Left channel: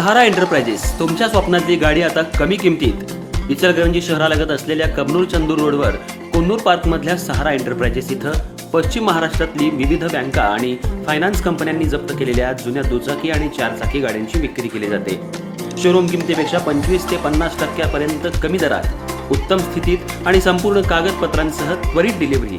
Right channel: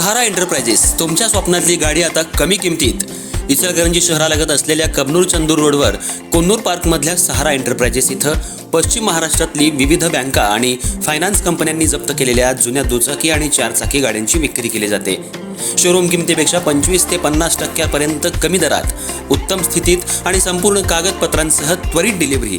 सहारा enterprises तुमच्या स्वप्नातली गाडी आता कमी किमतीत. इचलकरंजी शहरालगत असलेल्या कबनूर चंदूर रोडवर कोन्नूर पार्कमधल्या सहारा एंटरप्राइजेस इथं पश्चिम महाराष्ट्रातली विविध बँका आणि फायनान्स कंपन्यांनी जप्त केलेल्या जुन्या दुचाकी आणि चारचाकी गाड्यांची विक्री केली जाते. शोरूम किमतीपेक्षा 25 ते 50% कमी दरात, उत्तम स्थितीत आणि संपूर्ण कागदपत्रांसह त्वरित डिलिव्हरी.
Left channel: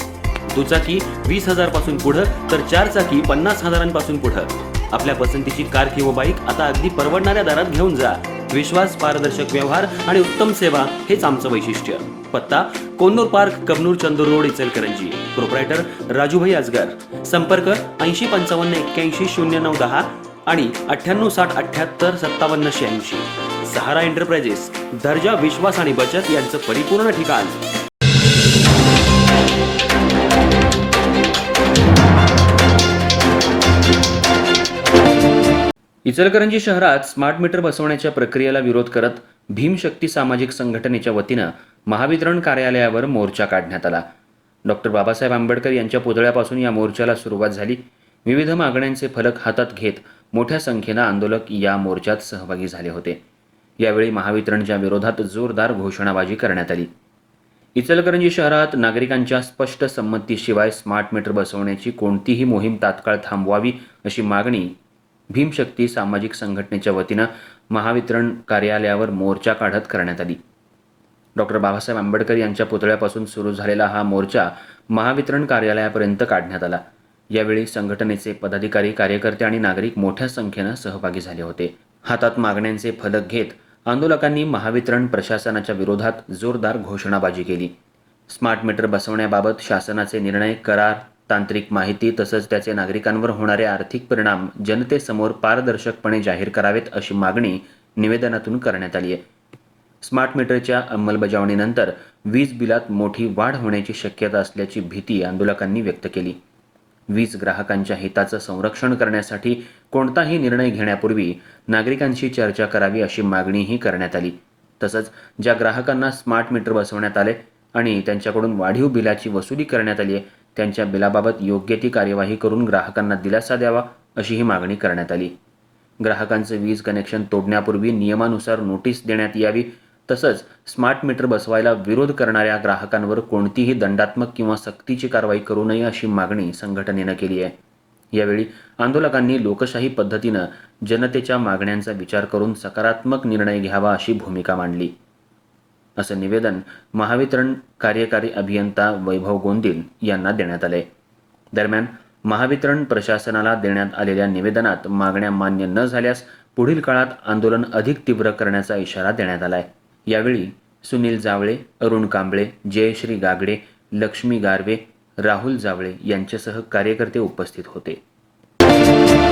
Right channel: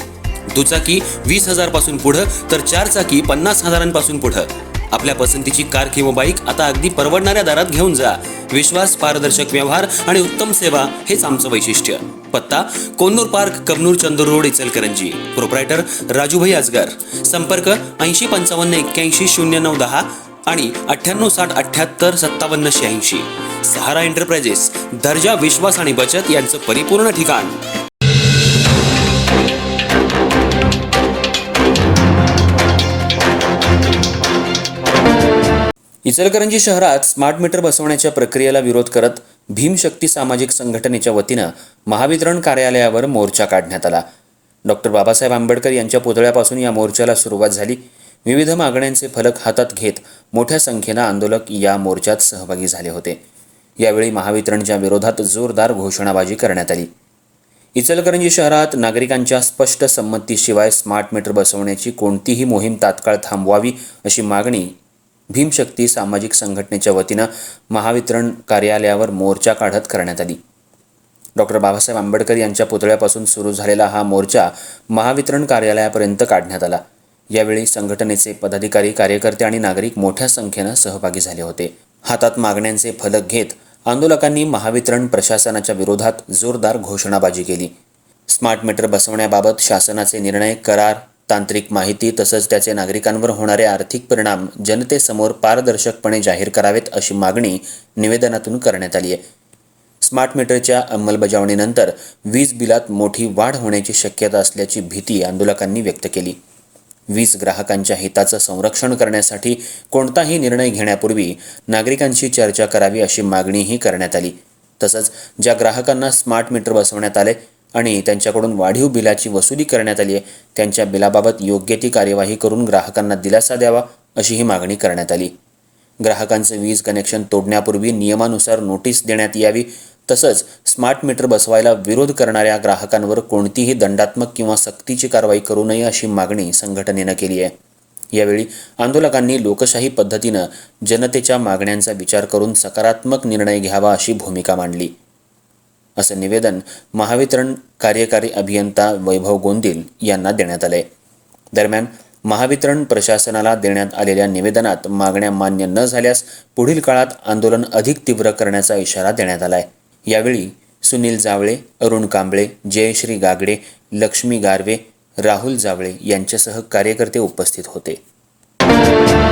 दुचाकी 20,000 पासून पुढे तर चारचाकी 50,000 पुढे. आपल्या पसंतीची कार किंवा बाईक आता अगदी परवडणाऱ्या दरात घेऊन जा. विश्वास, पारदर्शक व्यवहार आणि उत्तम सेवा हेच आमचं वैशिष्ट्य. पत्ता Konnur park, Kabnur Chandur road, Ichalkaranji. Proprietor Rajubhai Ajgar. संपर्क 8055810910 आणि 9860785786. सहारा एंटरप्राइजेस, दर्जा, विश्वास आणि बचत यांचं परिपूर्ण ठिकाण. इचलकरंजी शहरात स्मार्ट मीटर बसवण्याच्या प्रक्रियेला विरोध करत भीमशक्ती सामाजिक संघटनेच्या वतीनं महावितरण कार्यालयावर मोर्चा काढण्यात आला. डॉक्टर बाबासाहेब आंबेडकर यांच्या पुतळ्यापासून या मोर्चाला सुरुवात झाली. विविध मागण्यांचे फलक हातात घेत मोठ्या संख्येनं आंदोलक या मोर्चात सहभागी झाले होते. यावेळी महावितरणच्या विरोधात जोरदार घोषणाबाजी करण्यात आली. इचलकरंजी शहरात नागरिकांच्या स्पष्ट संमतीशिवाय स्मार्ट मीटर बसवण्याची कोणतीही मोहीम तात्काळ थांबवावी अशी मागणी भीमशक्ती सामाजिक संघटनेच्या वतीनं महावितरण कार्यालयावर मोर्चा काढत करण्यात आली. डॉक्टर बाबासाहेब आंबेडकर यांच्या पुतळ्यापासून सुरू झालेला हा मोर्चा महावितरण कार्यालयापर्यंत काढण्यात आला. यावेळी संघटनेचे पदाधिकारी, कार्यकर्ते आणि नागरिक मोठ्या संख्येनं सहभागी झाले होते. हातात मागण्यांचे फलक घेत आंदोलकांनी महावितरण प्रशासनाच्या विरोधात जोरदार घोषणाबाजी केली. स्मार्ट मीटर बसवण्याबाबत शासनाचे निर्णय, करार, तांत्रिक माहिती तसंच त्याचे नागरिकांवर होणारे आर्थिक परिणाम जनतेसमोर पारदर्शकपणे जाहीर करावेत अशी मागणी निवेदनातून करण्यात आली आहे. स्मार्ट मीटरच्या अंमलबजावणीनंतर वीज बिलात मोठी वाढ होण्याची शक्यता असल्याची भीती आंदोलकांनी व्यक्त केली. वीज ग्राहकांच्या हिताचं संरक्षण करण्यासाठी कोणताही निर्णय घेण्यापूर्वी नागरिकांशी चर्चा करावी अशी मागणीही करण्यात आली. तसंच ज्या ग्राहकांना स्मार्ट मीटर बसवण्यात आले आणि त्यांच्याकडून वाढीव बिलाची वसुली करण्यात आली आहे त्यांच्या बिलाबाबत योग्य ती कार्यवाही करून ग्राहकांना दिलासा द्यावा अशीही मागणी करण्यात आली. ग्राहकांचं वीज कनेक्शन तोडण्यापूर्वी नियमानुसार नोटीस देण्यात यावी. तसंच स्मार्ट मीटर बसवायला विरोध करणाऱ्या ग्राहकांवर कोणतीही दंडात्मक किंवा सक्तीची कारवाई करू नये अशी मागणी संघटनेनं केली आहे. यावेळी आंदोलकांनी लोकशाही पद्धतीनं जनतेच्या मागण्यांचा विचार करून सकारात्मक निर्णय घ्यावा अशी भूमिका मांडली, असं निवेदन महावितरण कार्यकारी अभियंता वैभव गोंदिल यांना देण्यात आलंय. दरम्यान महावितरण प्रशासनाला देण्यात आलेल्या निवेदनात मागण्या मान्य न झाल्यास पुढील काळात आंदोलन अधिक तीव्र करण्याचा इशारा देण्यात आलाय. यावेळी सुनील जावळे, अरुण कांबळे, जयश्री गागडे, लक्ष्मी गारवे, राहुल जावळे यांच्यासह कार्यकर्ते उपस्थित होते.